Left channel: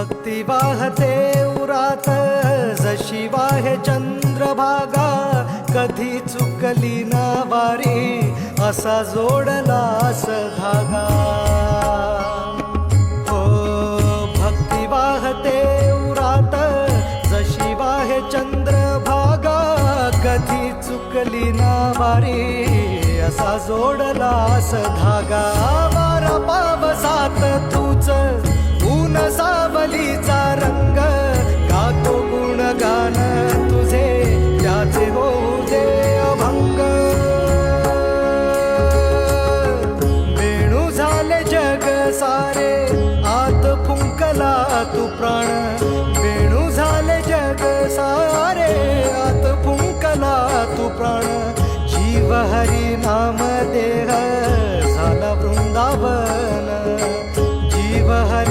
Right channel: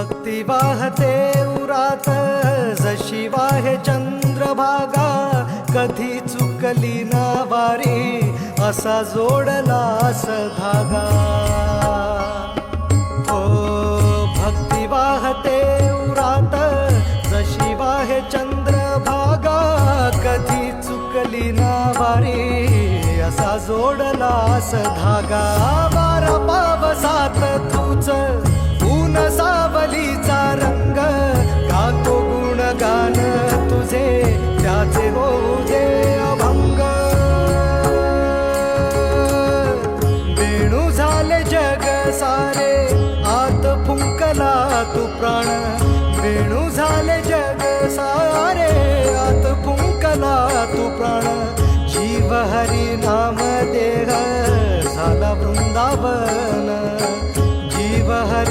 भक्ती वाहते उरात जशी वाहे चंद्रभागा, कधी चुकली ना वारी असा जोडलास धागा. हो भक्ती वाहते उरात जशी वाहे चंद्रभागा, कधी चुकली ना वारी असा जोडलास धागा. वारा पावसात तूच ऊन सावलीचा रंग, गातो गुणगान तुझे त्याचे होऊ दे अभंग. वेणू झाले जग सारे आत फुंकला तू प्राण, वेणू झाले जग सारे आत फुंकला तू प्राण. जीव हरी नाम देह झाला वृंदावन, जीव हरी